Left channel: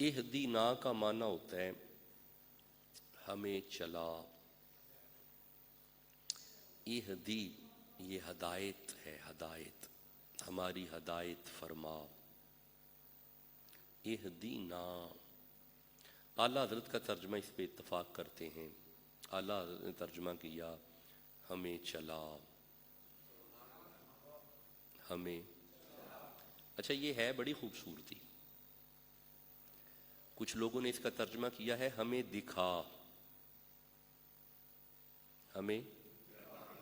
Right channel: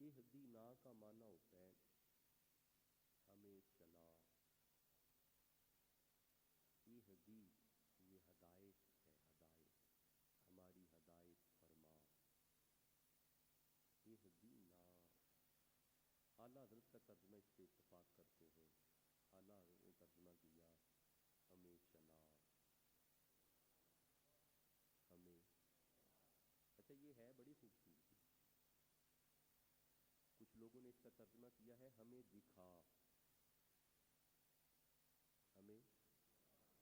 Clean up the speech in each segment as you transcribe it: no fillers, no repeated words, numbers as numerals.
اہدینا کا معنی ہوتا ہے ہمیں چلا. اہدی یہ ہدایت ہے، ہدایت، ہماری ہدایت فرما. اہدینا. اعلیٰ حضرت کا ترجمہ اس پہ اتفاق کرتے ہیں. اعلیٰ حضرت نے ترجمہ کیا ہمیں چلا، ہمیں. اچھا یہ ہے بڑی خوبصورتی. کچھ لوگوں نے اس کا ترجمہ کیا ہے ہمیں دکھا، ہمیں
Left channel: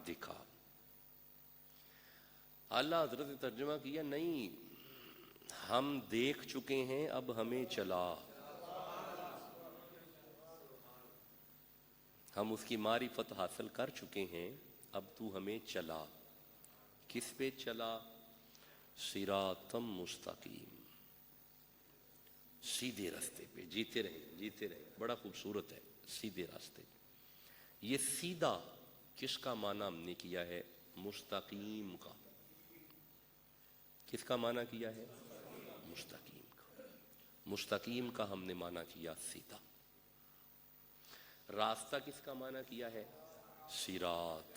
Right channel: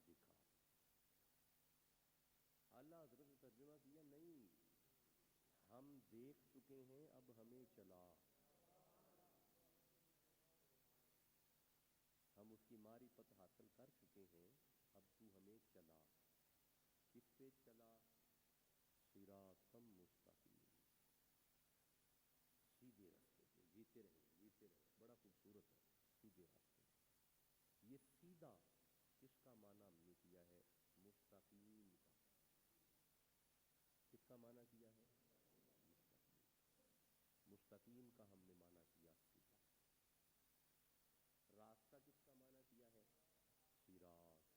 دکھا. اعلیٰ حضرت نے ترجمہ کیا نہیں، ہم دیکھ چکے ہیں اب ہمیں چلا. ہم اس کی معرفت حاصل کر چکے ہیں، اب تو ہمیں چلا. کس پہ چلا؟ صراطم مستقیم، سیدھے راستے پہ. جیتے رہیں جیتے رہیں. بڑا خوبصورت ہے، سیدھے راستے. یہ سیدھا کس کا معنی ہم نے کیا ہے؟ مستقیم کا. کس کا معنی کیا ہے؟ مستقیم کا. مستقیم کا ہم نے معنی کیا سیدھا. راستہ کس کا معنی کیا ہے؟ صراط.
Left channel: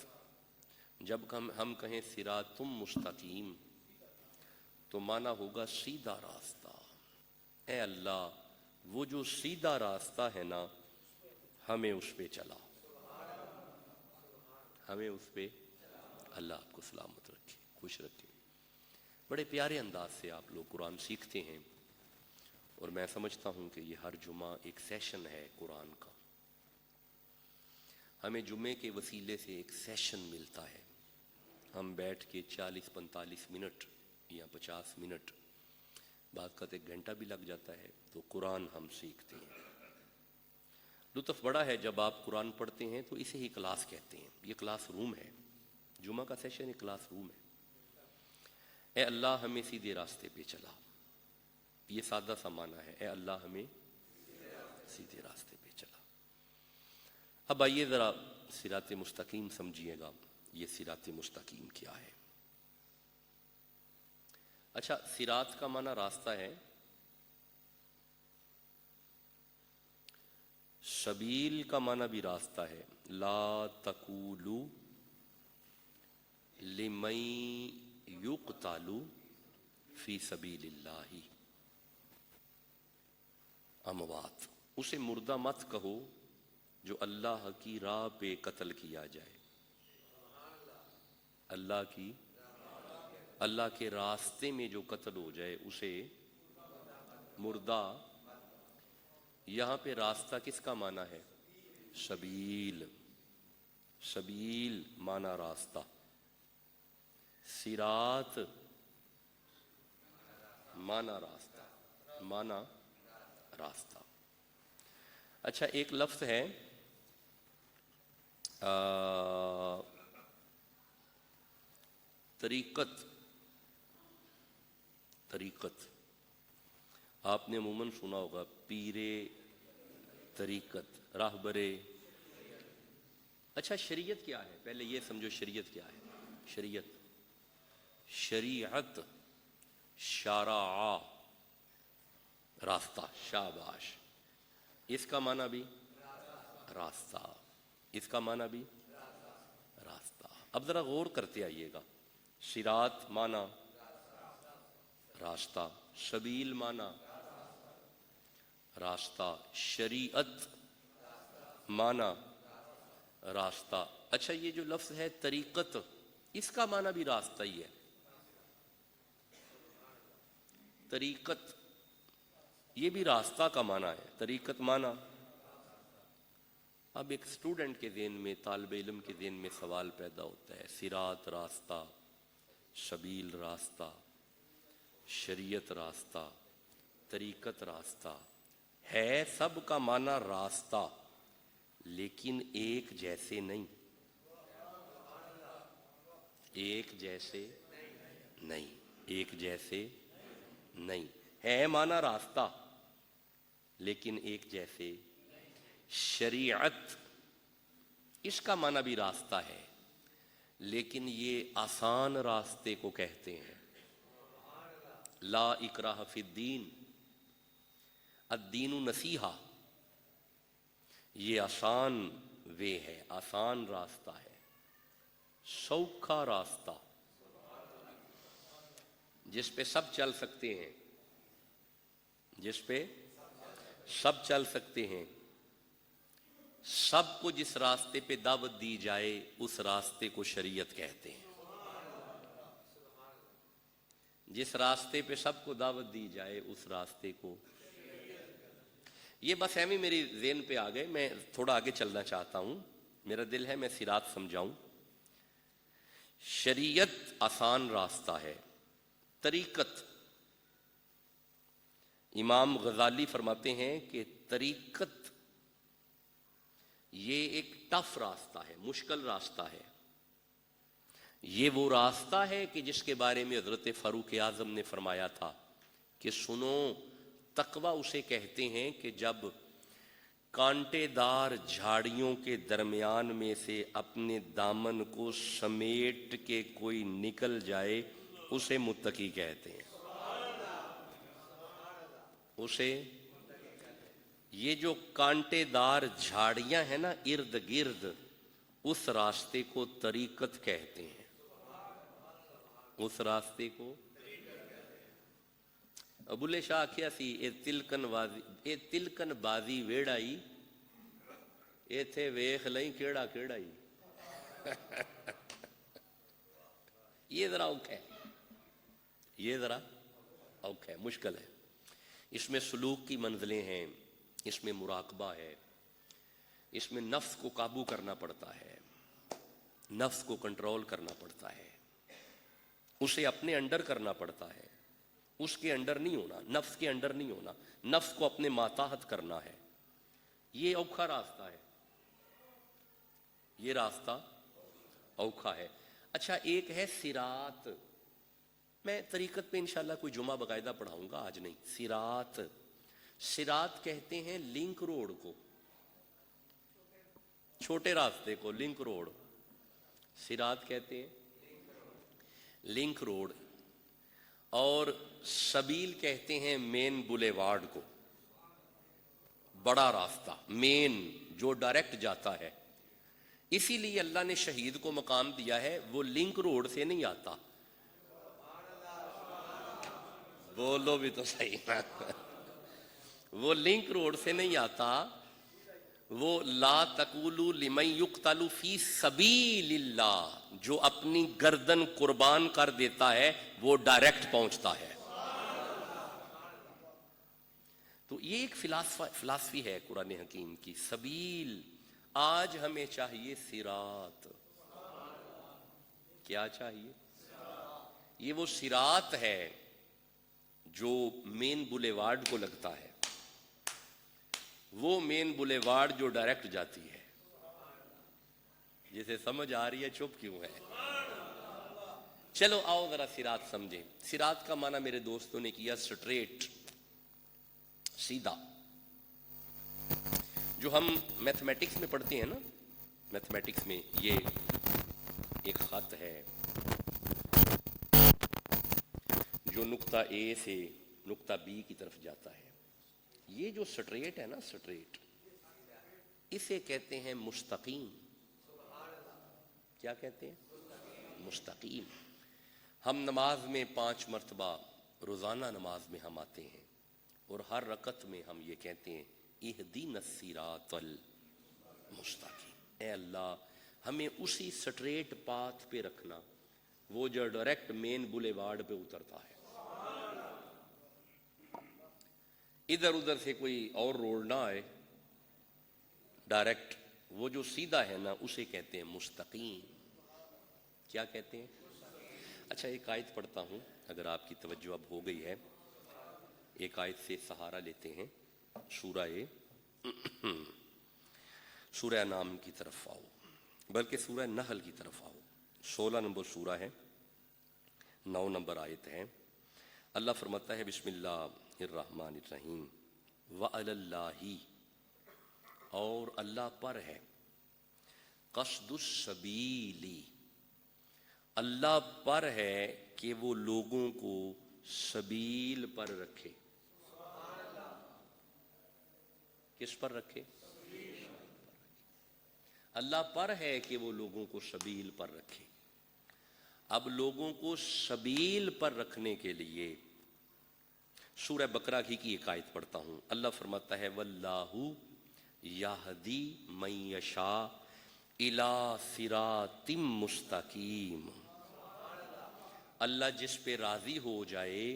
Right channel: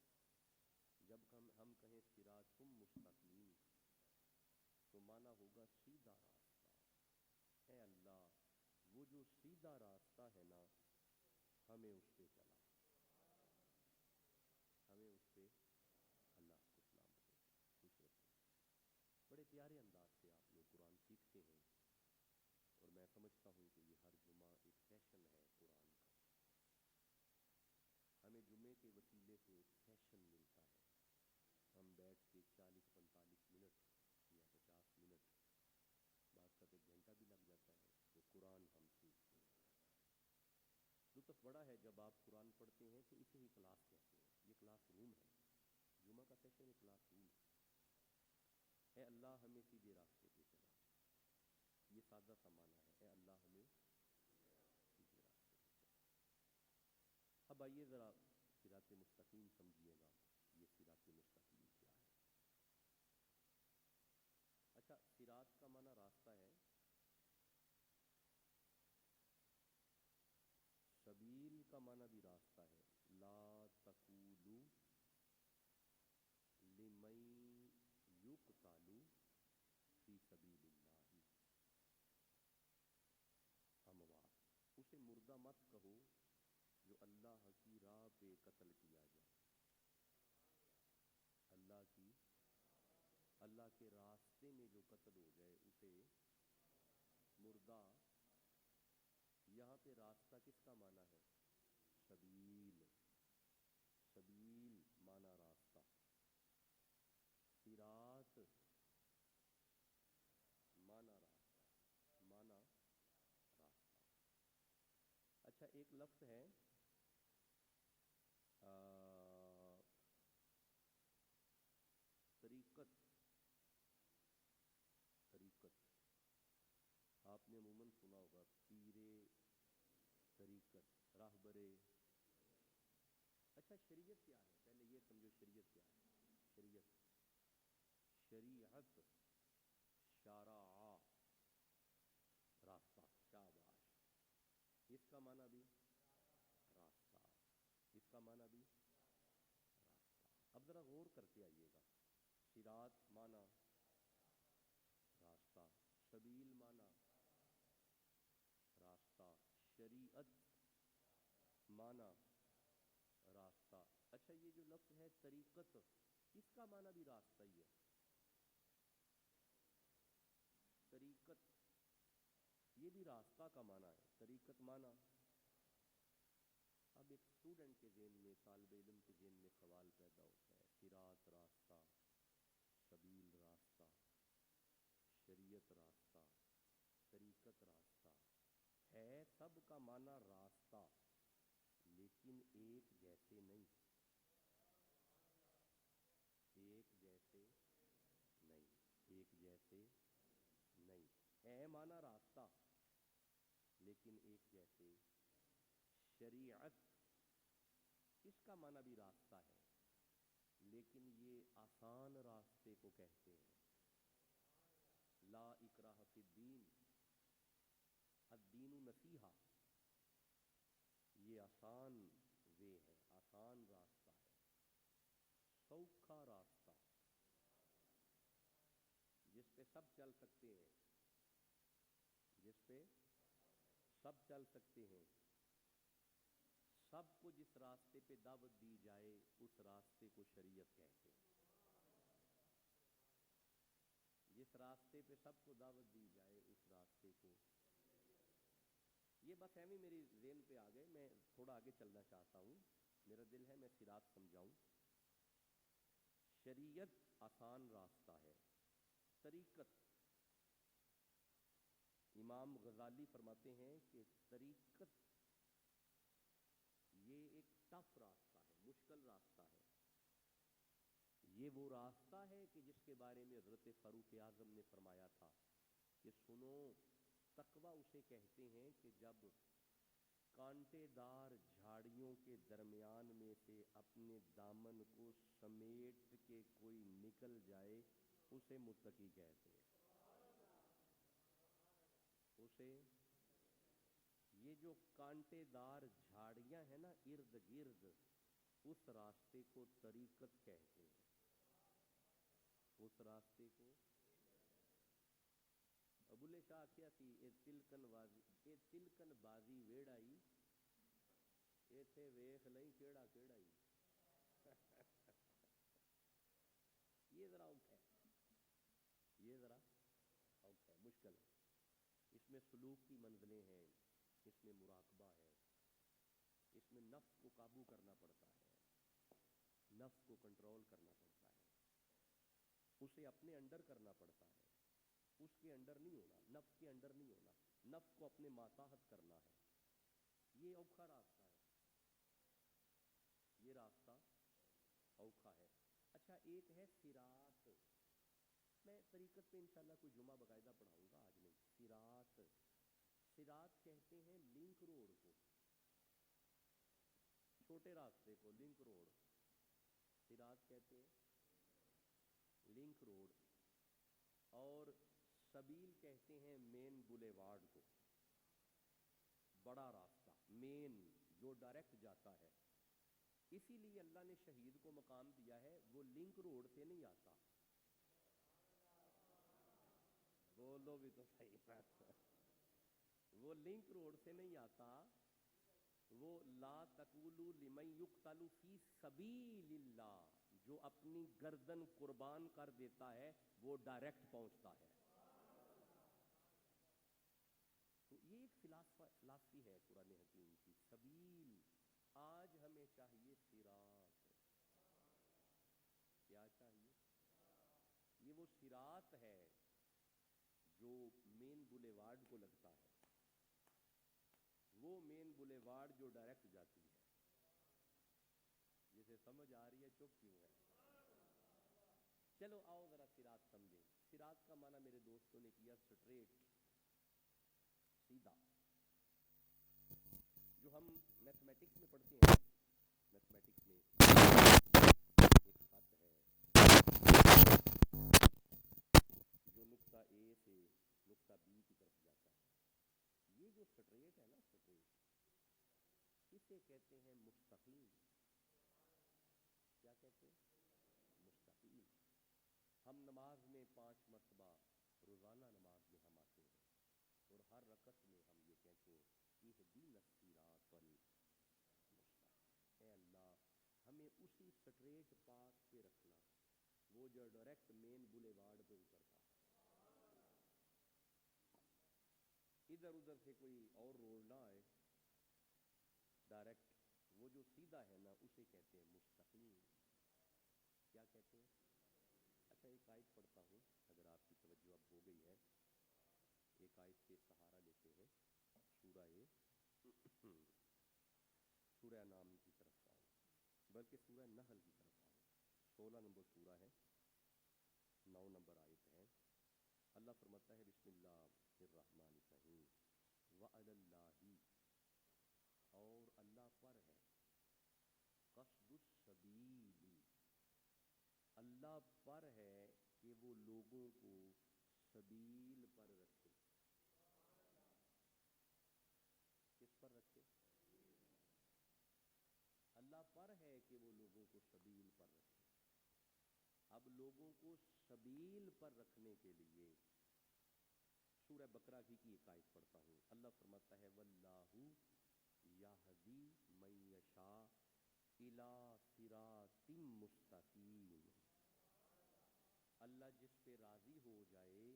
جب ہم کہیں صراطم مستقیم تو معنی ہوگا سیدھا راستہ. اے اللہ وہ جو سیدھا راستہ ہے نا، ہمیں اس پہ چلا، ہمیں اس پہ. اللہ آپ کو سلامت رکھے، خوش رکھے. بڑے پیارے انداز سے آپ لوگ قرآن سیکھتے ہیں، اور میں سمجھتا ہوں کہ یہ ہر جمعہ ایک سیشن ہے قرآن کا. ہمیں جمعے کے وسیلے سے ایک سیشن ملتا ہے. ہم بیٹھ کے 40-45 منٹ یا 50 منٹ، بعض کا 1 گھنٹہ بھی لگ جاتا ہے، تو قرآن ہم سیکھتے ہیں. لطف بڑا ہے جب آپ قرآن پڑھتے ہیں تو اسے ہی کلاس کہتے ہیں. یہ کلاس روم ہے، جمعہ کا سیشن ایک کلاس روم ہے. اے اللہ ہمیں سیدھے راستے پہ چلا، یہ سادہ سا معنی ہے. اے اللہ ہمیں سیدھے راستے پہ چلا. اب آئیے ذرا صراط مستقیم سمجھیے گا. یہ صراط مستقیم کیا ہے؟ اچھا صراط کا معنی راستہ ہے. سبیل کا معنی بھی راستہ ہے. لا تقولوا لمن یقتل فی سبیل اللہ اموات. اسے مردہ مت کہو جو اللہ کی راہ پہ قتل کیا جائے. اللہ کے راستے میں جو قتل ہو جائے اسے مردہ. یہاں پہ راستہ کس کا معنی ہے؟ سبیل. سبیل معنی راستہ، صراط معنی راستہ، معنی راستہ. اچھا ایک لفظ ہے طریقت. طریقت آپ نے عموماً سنا ہوگا، پیر طریقت، راہبر. اچھا شریعت کیا ہے؟ پہلے یہ سمجھو شریعت کیا ہے. شریعت، شریعت، شرع، راستہ. شاباش. اس کا معنی بھی راستہ، اس کا معنی بھی راستہ. اب ذرا غور کرتے آئیے گا. صراط معنی راستہ، سبیل معنی راستہ، شریعت معنی راستہ. اچھا یہ جو لفظ ہے طریقت، اس کا معنی بھی راستہ ہی ہے. طریقت یہ بھی راستہ کا معنی ہے. طریقت معنی. اب ایک اسٹوڈنٹ کے ذہن میں، طالب علم کے ذہن میں سوال پیدا ہوتا ہے، صراط راستہ، سبیل راستہ، شریعت راستہ، طریقت راستہ ہے. سب کا معنی راستہ، لیکن ایک جیسے نہیں. ایک جیسے نہیں، ایک جیسے نہیں. ہے معنی راستہ لیکن ایک جیسے. شریعت اس کا معنی بھی راستہ ہے، لیکن یہ آسان راستے کو کہتے ہیں. لا اکراہ فی الدین. الدین نصیحہ، یہ آسان وے ہے، آسان راستہ ہے، سوکھا راستہ جس پہ سب چل سکتے ہیں، جس پہ سب چل سکتے ہیں، سب کو جس راستے پہ دعوت دی جائے اس راستے کو شریعت کہتے ہیں، جس راستے پہ سب کو دعوت دی جائے اس راستے کو۔ یہ بس ایویں میری ذہن پہ آ گئے، میں تھوڑا آگے چلنا چاہتا ہوں، میرا دل ہے میں صراط سمجھاؤں۔ شریعت آسان راستہ ہے، طریقت، امام غزالی فرماتے ہیں کہ طریقت یہ ایک ٹف راستہ ہے، مشکل راستہ ہے، یہ وہ راستہ ہے کہ جس کے بارے میں حضرت فاروق اعظم نے فرمایا تھا کہ سنو، تقویٰ اسے کہتے ہیں کہ جب کانٹے دار جھاڑیوں کے درمیان میں سے اپنے دامن کو سمیٹ کے کوئی نکل جائے اسے متقی کہتے ہیں، اسے، یہ جو کانٹے دار جھاڑیاں ہیں نا ارد گرد، اس راستے کو طریقت کہتے ہیں، اس راستے کو۔ ابولے شاہ کیا سی اے تلکن بازی ویڑائی ایتھے ویخ لئی کیڑا کیڑائی۔ یہ ذرا اوکھا ہے، یہ ذرا اوکھا ہے، مشکل ہے، اس میں سلوک کی منزلیں ہیں، اس میں مراقبہ ہے، اس میں نفس کو قابو کرنا پڑتا ہے، نفس کو کنٹرول کرنا پڑتا ہے، اسے اپنے انڈر کرنا پڑتا ہے، اس کے انڈر نہیں ہونا، نفس کے انڈر نہیں ہونا، نفس کو اپنے ماتحت کرنا ہے، یہ اوکھا راستہ ہے، یہ راستہ اوکھا ہے۔ اچھا ایک ہے صراط، میں طریقت پہ انشاءاللہ کوئی جمعہ باقاعدہ پڑھاؤں گا، آج نہیں۔ صراط، صراط کہتے ہیں لنک روڈ کو، چھوٹے راستے کو لنک روڈ، صراط کہتے ہیں لنک روڈ، اور سبیل کہتے ہیں مین بولیوارڈ کو، بڑا راستہ، مین جو ڈائریکٹ جاتا ہے۔ اسی لیے اللہ نے شہید کو مقام دیا ہے، وہ لنک روڈ سے نہیں آتا، بولو بھی تو صحیح، وہ لنک روڈ سے نہیں آتا، وہ لا تقولوا لمن یقتل فی سبیل اللہ، جو اپنی گردن قربان کر دیتا ہے وہ ڈائریکٹ پہنچتا ہے۔ تو یہ ایک فلسفی ہے قرآن حکیم کی، سبیل۔ آج ہمیں چاہیے صراط، کیا چاہیے؟ یہ وہ صراط ہے جو مین بولیوارڈ کو لگتا ہے، وہ مین بولیوارڈ جو ڈائریکٹ جاتی ہے۔ جسے سمجھ آ رہی ہے چپ کیوں ہے؟ چلو آؤ ذرا صراط سمجھیں۔ صراط کا معنی میرے دوستوں نے کیا سٹریٹ، سیدھا۔ جو ہم میتھمیٹکس میں پڑھتے ہیں نا، میتھمیٹکس میں یہ ایک خط ہے جو نقطہ اے سے نقطہ بی کی طرف جاتا ہے، یہ جو سٹریٹ ہے نا، سٹریٹ، اسے کہتے ہیں مستقیم۔ کیا کہتے ہیں؟ مستقیم۔ ہم نماز میں 5 مرتبہ روزانہ نماز میں ہم آتے ہیں اور ہر رکعت میں ہم یہ کہتے ہیں اہدینا الصراط المستقیم، اے اللہ ہمیں اسی سٹریٹ پاتھ پہ رکھنا، وہ جو ڈائریکٹ مین بولیوارڈ پہ اترتا ہے، ادھر ادھر سے کوئی اور روڈ نہ آئے، ڈائریکٹ وہ جو سیدھا ہے نا اسے کہتے ہیں مستقیم۔ کیا کہتے ہیں؟ اچھا ایک آیت پڑھتا ہوں اگر آپ کی توجہ اب ہو گئی ہے، ایک آیت سے سہارا لیتے ہیں، سورہ انعام کی طرف آؤ، بلکہ سورہ نحل کی طرف آؤ، 16 نمبر سورہ ہے، 9 نمبر آیت ہے۔ اللہ فرماتا ہے بسم اللہ الرحمن الرحیم، وَعَلَى اللَّهِ، اور اللہ پر ہے، قصد السبیل، اللہ پر ہے کہ وہ لوگوں کو سبیل پر رکھے۔ کس پر رکھے؟ اللہ پر ہے کہ وہ لوگوں کو سبیل پر رکھے۔ اب لوگوں کو سبیل پر رکھنے کے لیے سورہ بقرہ کی ایک آیت پڑھتا ہوں۔ اللہ فرماتا ہے واللہ یہدی من یشاء الی صراط مستقیم، اللہ جس پہ راضی ہو جائے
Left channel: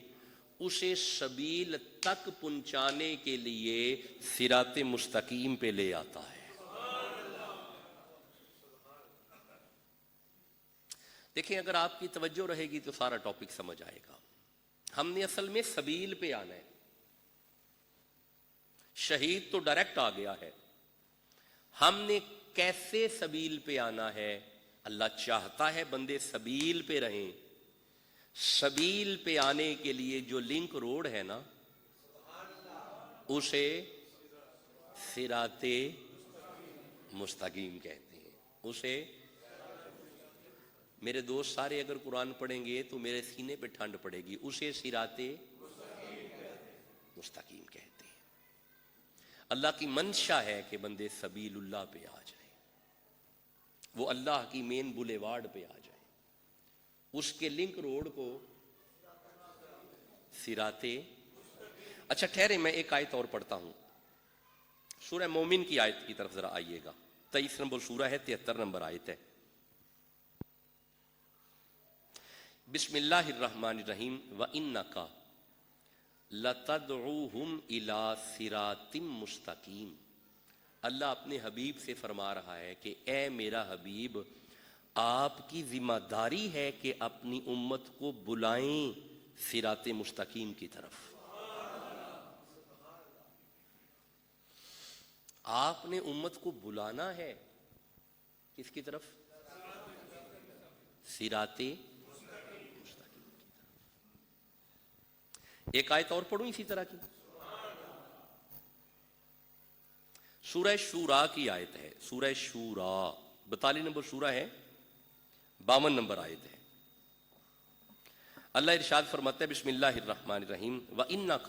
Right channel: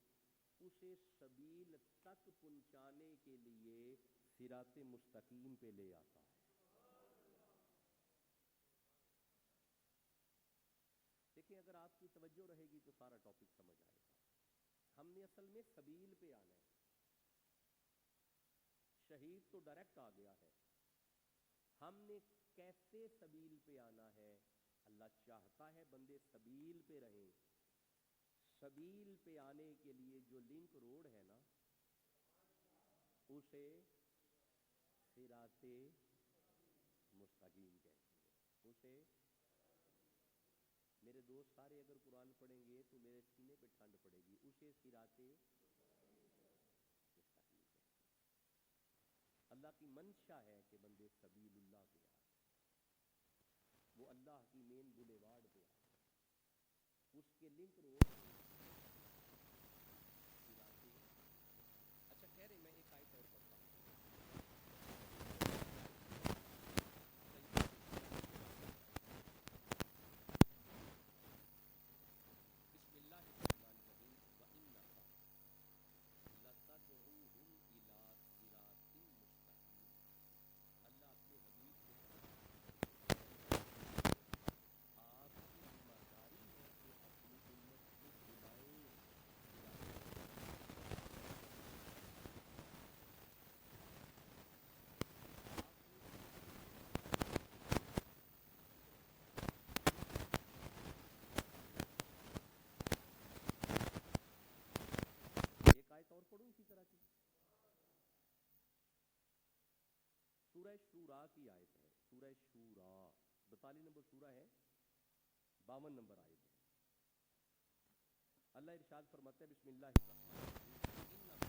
اسے سبیل تک پہنچانے کے لیے صراط مستقیم پہ لے آتا ہے۔ دیکھیں اگر آپ کی توجہ رہے گی تو سارا ٹاپک سمجھ آئے گا۔ ہم نے اصل میں سبیل پہ آنا ہے، شہید تو ڈائریکٹ آ گیا ہے، ہم نے کیسے سبیل پہ آنا ہے؟ اللہ چاہتا ہے بندے سبیل پہ رہیں۔ سبیل پہ آنے کے لیے جو لنک روڈ ہے نا اسے صراط مستقیم کہتے ہیں۔ اسے میرے دوست سارے اگر قرآن پڑھیں گے تو میرے سینے پہ ٹھنڈ پڑے گی، اسے صراط مستقیم کہتے ہیں۔ اللہ کی منشا ہے کہ بندے سبیل اللہ پہ آ جائیں، وہ اللہ کی مین بولیوارڈ پہ آ جائیں، اس کے لنک روڈ کو صراط۔ اچھا ٹھہرے میں ایک آیت اور پڑھتا ہوں، سورہ مومن کی آیت کی طرف ذرا آئیے گا، 23 نمبر سورہ ہے، 73 نمبر آیت ہے۔ بسم اللہ الرحمن الرحیم وَإِنَّكَ لَتَدْعُوهُمْ إِلَى صِرَاطٍ مُسْتَقِيمٍ۔ اللہ اپنے حبیب سے فرما رہا ہے کہ اے میرا حبیب، آپ کی ذمہ داری ہے کہ اپنی امت کو بلائیں صراط مستقیم کی طرف۔ آپ نے امت کو بلانا ہے کس کی طرف؟ صراط۔ ایک آیت اور پڑھوں اسی طرح کی، سورہ شورا کی آیت ہے، سورہ شورا 42 نمبر سورہ ہے، 52 نمبر آیت ہے۔ اللہ ارشاد فرماتا ہے بسم اللہ الرحمن الرحیم وَإِنَّكَ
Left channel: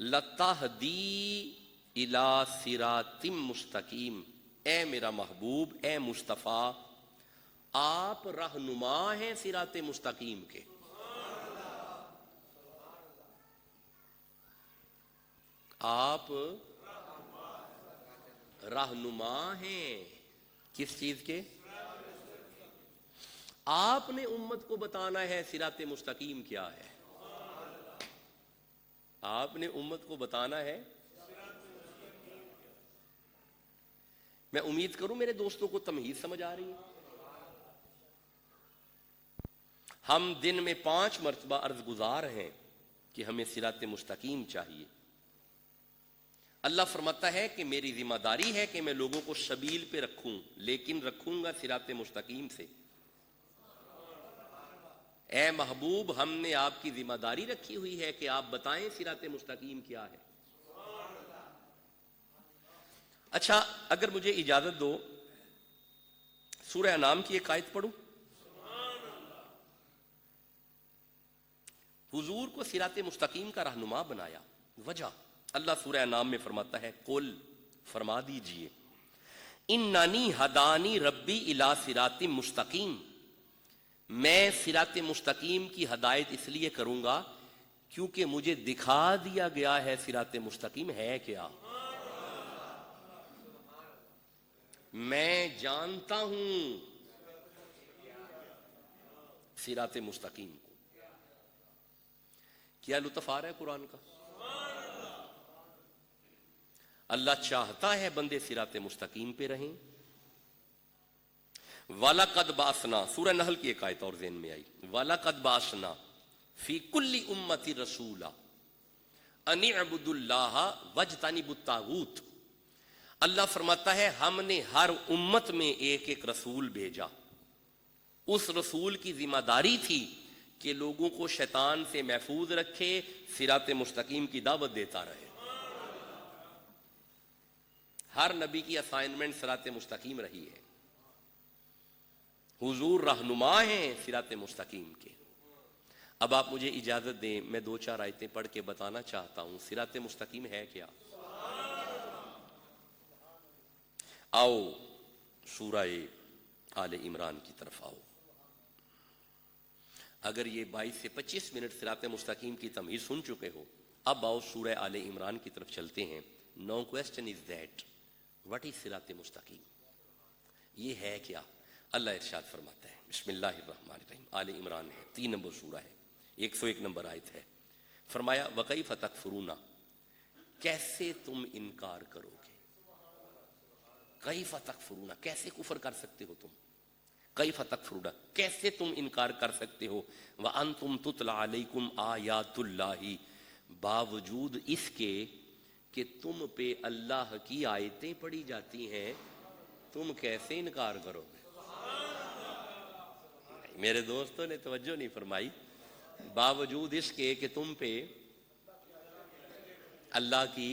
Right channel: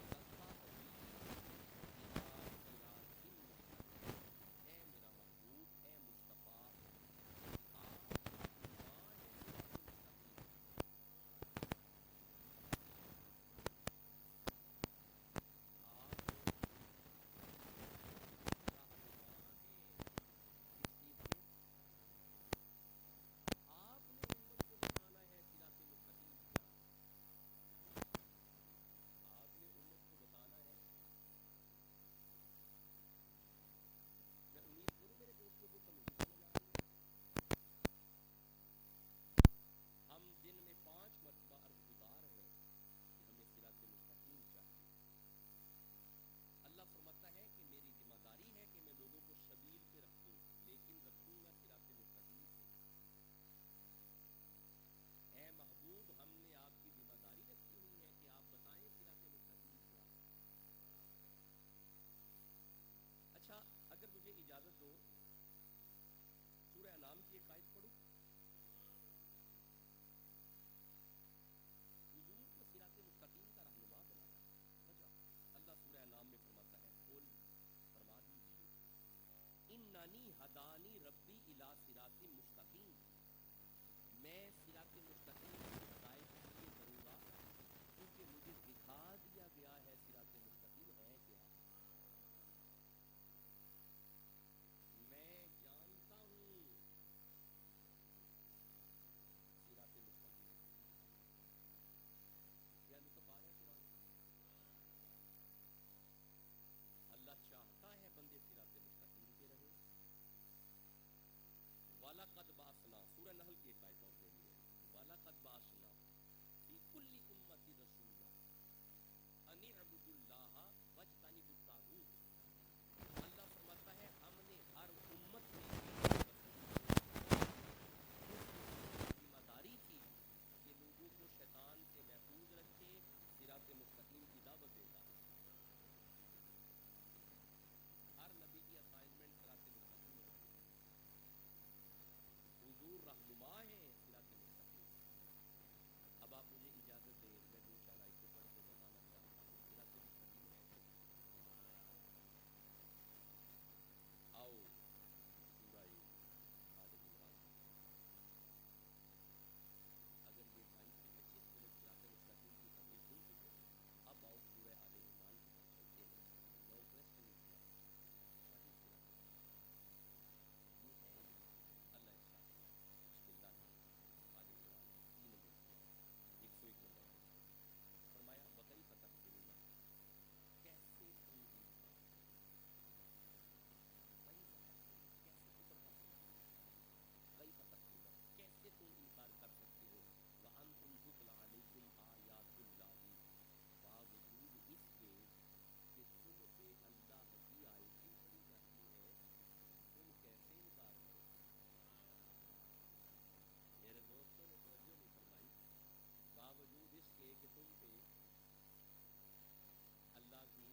لَتَهْدِي إِلَى صِرَاطٍ مُسْتَقِيمٍ، اے میرا محبوب، اے مصطفیٰ، آپ رہنما ہیں صراط مستقیم کے۔ آپ رہنما ہیں کس چیز کے؟ آپ نے امت کو بتانا ہے صراط مستقیم کیا ہے، آپ نے امت کو بتانا ہے۔ میں امید کروں میرے دوستوں کو تمہید سمجھ آ رہی ہے۔ ہم دن میں 5 مرتبہ عرض گزار ہیں کہ ہمیں صراط مستقیم چاہیے۔ اللہ فرماتا ہے کہ میری ذمہ داری ہے کہ میں لوگوں کو سبیل پہ رکھوں، لیکن رکھوں گا صراط مستقیم سے۔ اے محبوب، ہم نے آپ کی ذمہ داری رکھی ہوئی ہے کہ آپ بتائیں صراط مستقیم کیا ہے۔ اچھا اگر مجھے اجازت دو سورہ انعام کی ایک آیت پڑھوں۔ حضور کو صراط مستقیم کا رہنما بنایا، وجہ اللہ سورہ انعام میں فرماتا ہے قل، فرما دیجئے، اننی ہدانی ربی الی صراط مستقیم، میں صراط مستقیم کی ہدایت اس لیے کروں گا کیونکہ مجھے دکھا دیا گیا ہے صراط مستقیم ہے کیا۔ میں جانتا ہوں صراط مستقیم کو۔ کیا لطف آ رہا ہے قرآن کا؟ اللہ چاہتا ہے بندے صراط مستقیم پہ رہیں۔ وَلَقَدْ بَعَثْنَا، سورہ نحل کی ایک آیت اور ذہن میں آئی، وَلَقَدْ بَعَثْنَا فِي كُلِّ أُمَّةٍ رَسُولًا أَنِ اعْبُدُوا اللَّهَ وَاجْتَنِبُوا الطَّاغُوتَ۔ اللہ فرماتا ہے ہم نے ہر امت میں ایک ایک رسول بھیجا، اس رسول کی ذمہ داری تھی کہ لوگوں کو شیطان سے محفوظ رکھے، صراط مستقیم کی دعوت دیتا رہے۔ ہر نبی کی اسائنمنٹ صراط مستقیم رہی ہے۔ حضور رہنما ہیں صراط مستقیم کے۔ اب آپ مجھے اجازت دیں میں 2-4 آیتیں پڑھ کے بتانا چاہتا ہوں صراط مستقیم ہے کیا. آؤ سورہ آل عمران کی طرف آؤ. اگر یہ 22 سے 25 منٹ صراط مستقیم کی تمہید سن چکے ہو، اب آؤ سورہ آل عمران کی طرف چلتے ہیں. Now question is that what is صراط مستقیم، یہ ہے کیا؟ اللہ ارشاد فرماتا ہے بسم اللہ الرحمن الرحیم. آل عمران ہے، 3 نمبر سورہ ہے، 101 نمبر آیت ہے. فرمایا وَكَيْفَ تَكْفُرُونَ، کیسے تم انکار کرو گے. کیف تکفرون، کیسے کفر کر سکتے ہو تم. کیف تکفرون، کیسے تم انکار کر سکتے ہو. وَأَنْتُمْ تُتْلَى عَلَيْكُمْ آیات اللہ، باوجود اس کے کہ تم پہ اللہ کی آیتیں پڑھی جاتی ہیں تم کیسے انکار کرو گے. میرے دوستوں نے توجہ نہیں فرمائی. باوجود اس کے کہ تم پہ اللہ کی،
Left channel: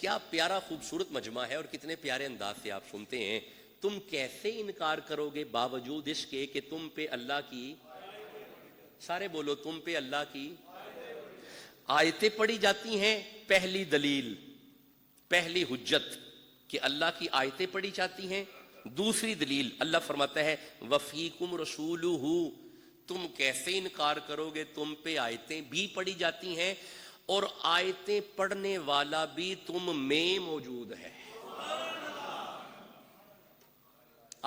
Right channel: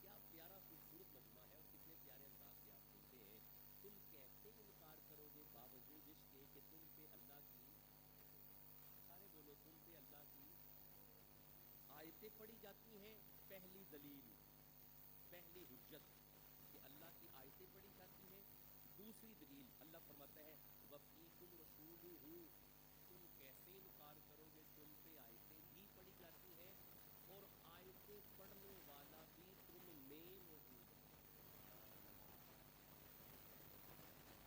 کیا پیارا خوبصورت مجمع ہے اور کتنے پیارے انداز سے آپ سنتے ہیں. تم کیسے انکار کرو گے باوجود اس کے کہ تم پہ اللہ کی، سارے بولو، تم پہ اللہ کی آیتیں پڑھی جاتی ہیں. پہلی دلیل، پہلی حجت کہ اللہ کی آیتیں پڑھی جاتی ہیں. دوسری دلیل اللہ فرماتا ہے وفیکم رسولہ، تم کیسے انکار کرو گے تم پہ آیتیں بھی پڑھی جاتی ہیں اور آیتیں پڑھنے والا بھی تم میں موجود ہے.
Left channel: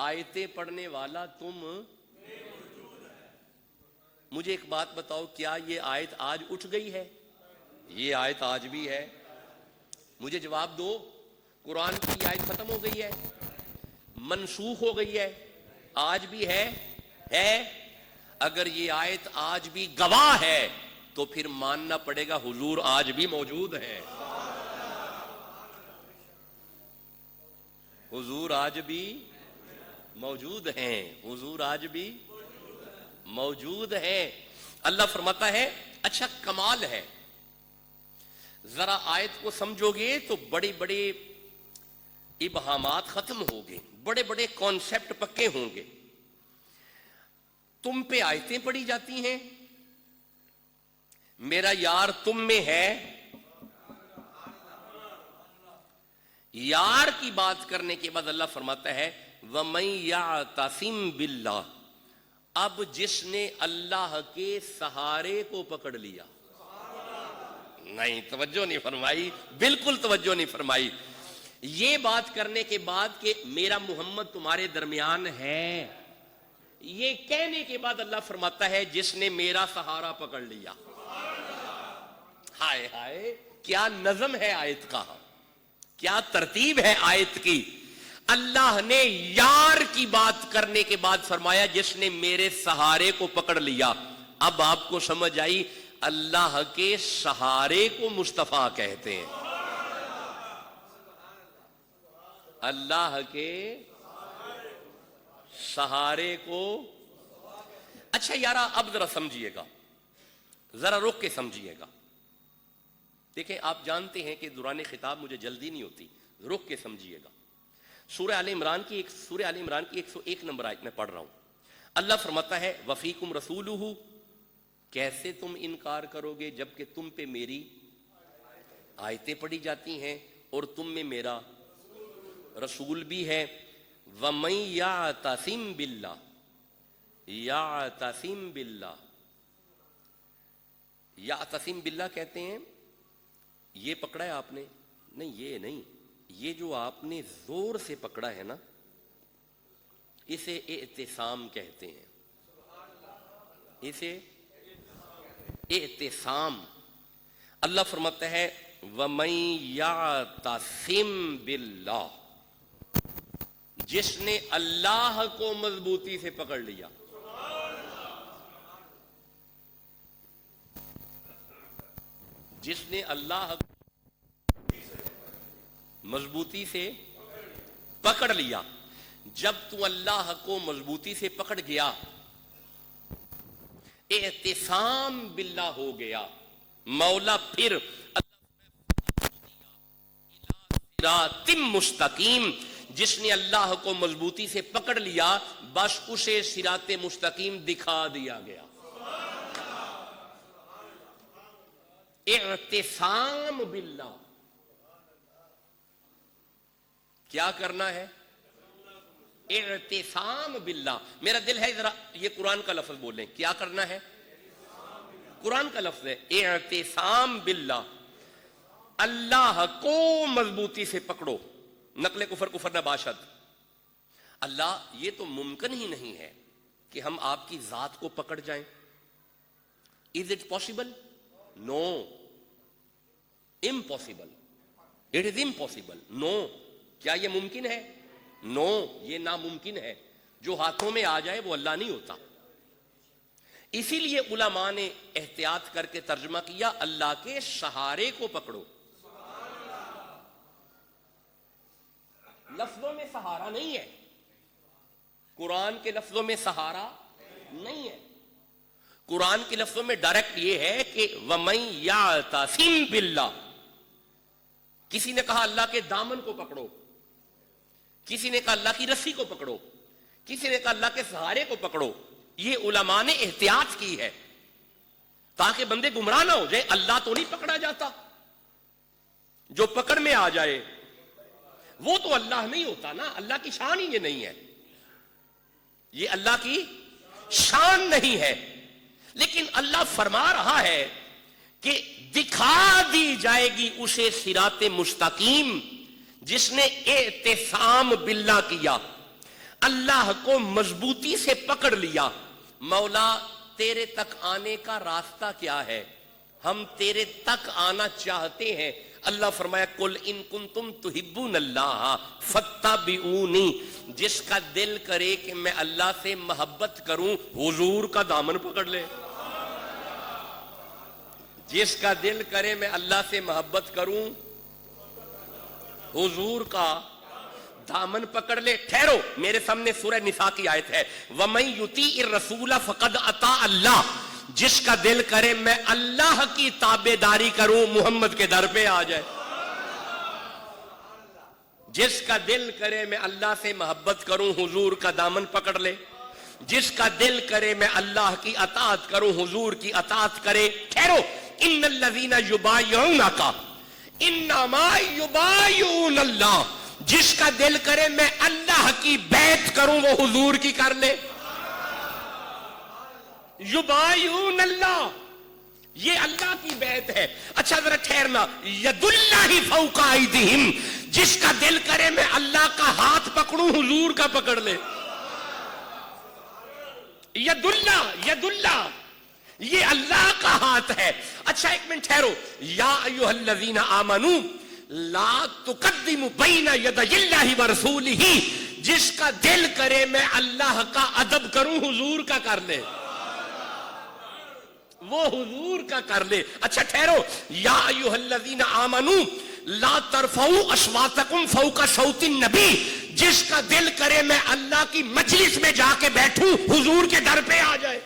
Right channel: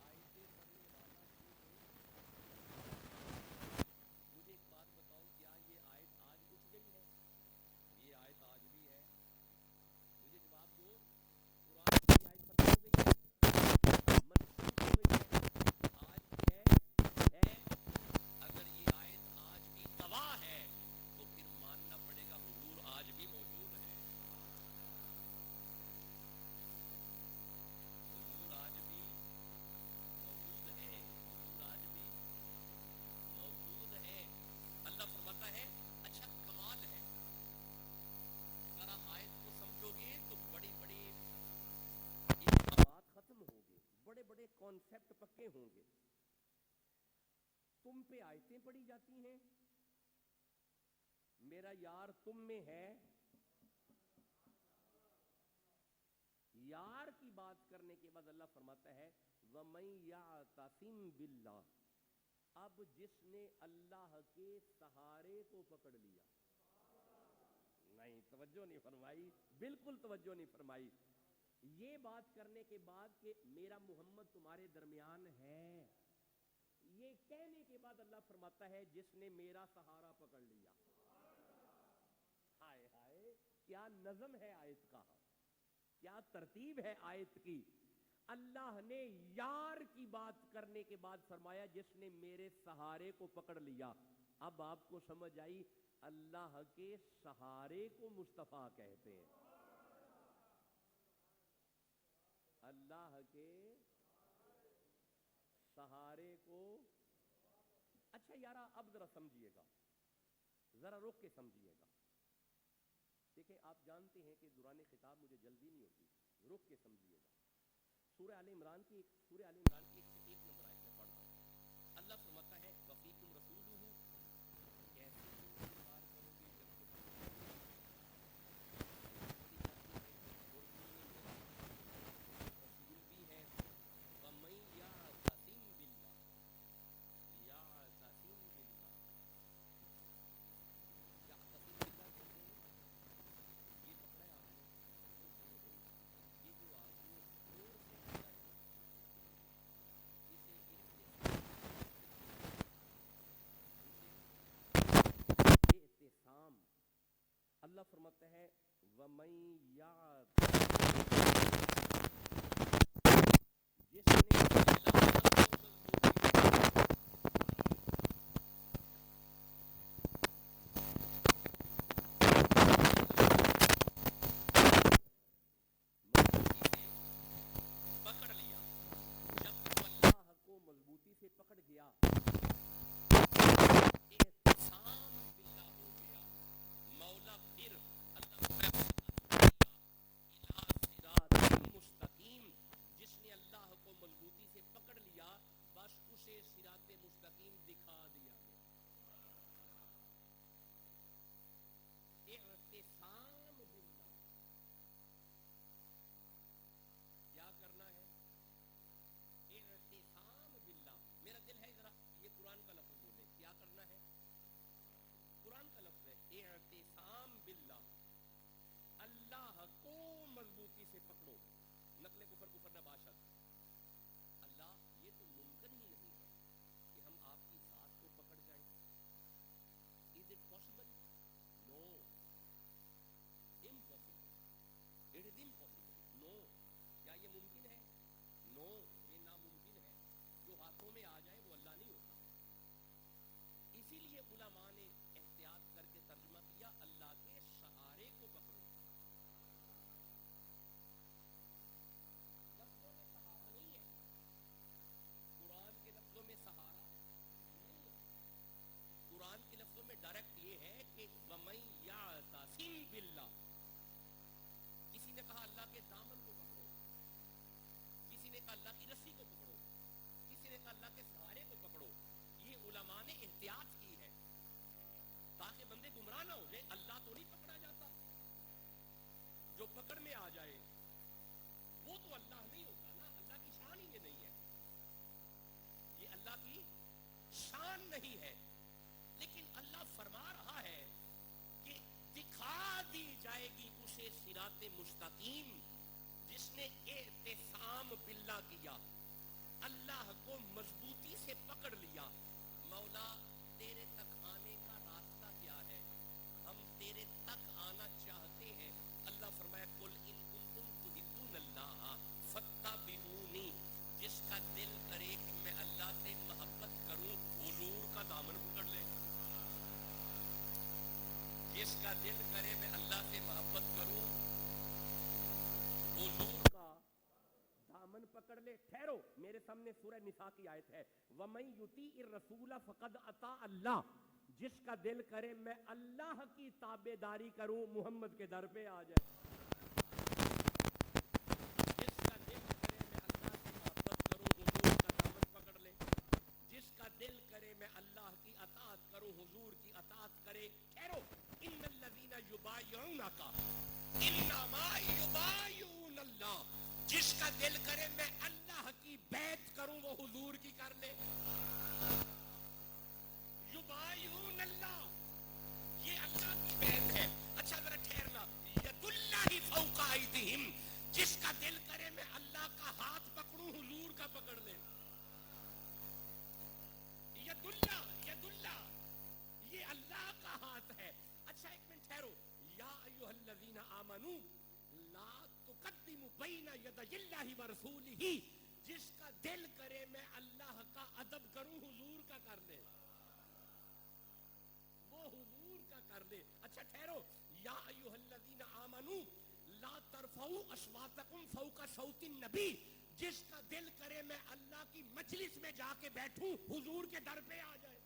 آیتیں پڑھنے والا تم. مجھے ایک بات بتاؤ، کیا یہ آیت آج اٹھ گئی ہے؟ یہ آیت آج بھی ہے. مجھے جواب دو، قرآن کی آیت ختم ہو گئی ہے، منسوخ ہو گئی ہے، آج بھی ہے؟ اگر یہ آیت آج بھی گواہ ہے تو پھر ماننا پڑے گا حضور آج بھی موجود ہے. حضور آج بھی موجود ہیں، حضور آج بھی موجود ہیں. اللہ فرماتا ہے اچھا کمال ہے، ذرا آیت کو سمجھو گے تو بڑے بڑے ابہامات ختم ہوں گے، بڑے بڑے کانسیپٹ پکے ہوں گے. تم پہ آیتیں پڑھی جاتی ہیں، میرا یار تم میں ہے. یار کی بات کرنے کے بعد اللہ فرماتا ہے وَمَن يَعْتَصِم بِاللَّهِ، اب جس نے اللہ کے سہارے کو پکڑ لیا. نہیں، توجہ نہیں فرمائی، بالکل توجہ نہیں فرمائی. یہ بات کرنے کے بعد کہ میرا محمد تمہارے درمیان ہے، یہ کہنے کے بعد اللہ فرماتا ہے جس نے میرا سہارا پکڑ لیا. ہائے ہائے، کیا نظم ہے آیت کا، کیا ترتیب ہے آیت کی. اللہ نے یار کی بات کرنے کے بعد فرمایا جس نے میرے سہارے کو پکڑ لیا. اب آپ کو سمجھ آئی اللہ کے سہارے کو مصطفیٰ کہتے ہیں. اللہ کے سہارے کو. اچھا یارا اب ذرا سمجھیے گا، ذرا رک کے سمجھیے گا. دیکھیں آپ جانتے ہیں کہ دوران خطاب مجھے جلدی نہیں ہوتی، رک کے سمجھیے گا. سورہ آل عمران کی 101 نمبر آیت میں پڑھ رہا ہوں. اللہ فرماتا ہے وفیکم رسولہ، کیسے تم انکار کرو گے جبکہ تم پہ میری آیتیں پڑھی جاتی ہیں اور تم میں میرا رسول بھی ہے. وَمَن يَعْتَصِم بِاللَّهِ، یعتصم باللہ، یعتصم باللہ کہتے ہیں یہ پکڑا ہے آپ نے؟ نہیں، یہ نہیں، یہ جو آپ نے زور سے پکڑا ہے نا اسے اعتصام کہتے ہیں. اسے اعتصام. اللہ فرماتا ہے وَمَن يَعْتَصِم بِاللَّهِ، جس نے اللہ کو مضبوطی سے پکڑ لیا. جس نے اللہ مضبوطی سے پکڑ لیا. جب تو اللہ کو مضبوطی سے پکڑ گیا اعتصام باللہ ہو گیا. مولا پھر صراط مستقیم، جس نے اللہ کو مضبوطی سے پکڑ لیا بس اسے صراط مستقیم دکھا دیا گیا. اعتصام باللہ. کیا کرنا ہے؟ اعتصام باللہ. میرا دل ہے ذرا یہ قرآن کا لفظ بولیں. کیا کرنا ہے؟ قرآن کا لفظ ہے اعتصام باللہ. اللہ کو مضبوطی سے پکڑو. نقل کفر کفر نہ باشد. اللہ یہ تو ممکن ہی نہیں ہے کہ ہم آپ کی ذات کو پکڑ جائیں. Is it possible? No. Impossible. It is impossible. No. کیا یہ ممکن ہے؟ No. یہ ناممکن ہے. جو ہاتھوں میں آ جائے وہ اللہ نہیں ہوتا. اسی لیے علماء نے احتیاط کر کے ترجمہ کیا اللہ کے سہارے کو پکڑو. لفظوں میں سہارا نہیں ہے. قرآن کے لفظوں میں سہارا نہیں ہے. قرآن کے لفظوں میں ڈائریکٹ یہ ہے کہ وَمَن يَعْتَصِم بِاللَّهِ. کسی نے کہا اللہ کے دامن کو پکڑو, کسی نے کہا اللہ کی رسی کو پکڑو, کسی نے کہا اللہ کے سہارے کو پکڑو. یہ علماء نے احتیاط کی ہے تاکہ بندے گمراہ نہ ہو جائے. اللہ تو نہیں پکڑا جاتا. جو پکڑ میں آ جائے وہ تو اللہ نہیں ہوتا نا. اللہ کی شان ہی یہ نہیں ہے. یہ اللہ کی شان نہیں ہے. لیکن اللہ فرما رہا ہے کہ دکھا دی جائے گی اسے صراط مستقیم جس نے اعتصام باللہ کیا, اللہ کو مضبوطی سے پکڑ لیا. مولا تیرے تک آنے کا راستہ کیا ہے؟ ہم تیرے تک آنا چاہتے ہیں. اللہ فرمایا قل ان کنتم تحبون اللہ فاتبعونی. جس کا دل کرے کہ میں اللہ سے محبت کروں حضور کا دامن پکڑ لے. جس کا دل کرے میں اللہ سے محبت کروں حضور کا دامن پکڑ لے. ٹھہرو, میرے سامنے سورہ نساء کی آیت ہے وَمَن يُطِیعِ الرَّسُولَ فَقَدْ أَطَاعَ اللَّهَ. جس کا دل کرے میں اللہ کی تابعداری کروں محمد کے در پہ آ جائے. جس کا دل کرے میں اللہ سے محبت کروں حضور کا دامن پکڑ لے. جس کا دل کرے میں اللہ کی اطاعت کروں حضور کی اطاعت کرے. ٹھہرو, ان الذین یبایعونک انما یبایعون اللہ. جس کا دل کرے میں اللہ کی بیعت کروں وہ حضور کی کر لے. یبایعون اللہ, یہ اللہ کی بیعت ہے. اچھا ذرا ٹھہرنا, ید اللہ فوق ایدیہم. جس کا دل کرے میں اللہ کا ہاتھ پکڑوں حضور کا پکڑ لے. ید اللہ یہ اللہ کا ہاتھ ہے. اچھا ایک منٹ ٹھہرو. یا ایھا الذین آمنوا لا تقدموا بین یدی اللہ ورسولہ. جس کا دل کرے میں اللہ کا ادب کروں حضور کا کر لے. وہ حضور کا کر لے. اچھا ٹھہرو. یا ایھا الذین آمنوا لا ترفعوا اصواتکم فوق صوت النبی. جس کا دل کرے میں اللہ کی مجلس میں جا کے بیٹھوں حضور کے در پہ آ جائے,